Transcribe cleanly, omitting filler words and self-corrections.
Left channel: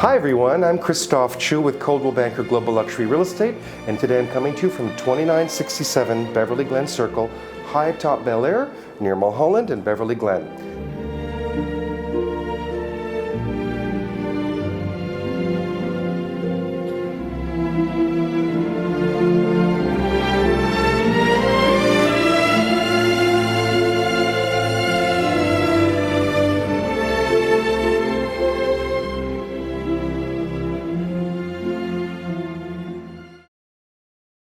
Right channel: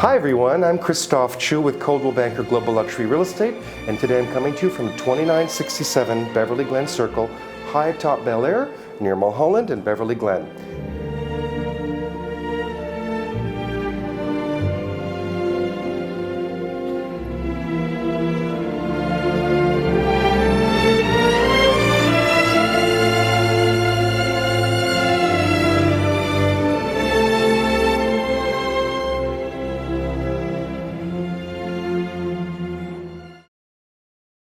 Hi everyone, I'm Christophe Choo with Coldwell Banker Global Luxury Real Estate, and today I'm coming to you from 2967 Beverly Glen Circle, high atop Bel Air, near Mulholland and Beverly Glen.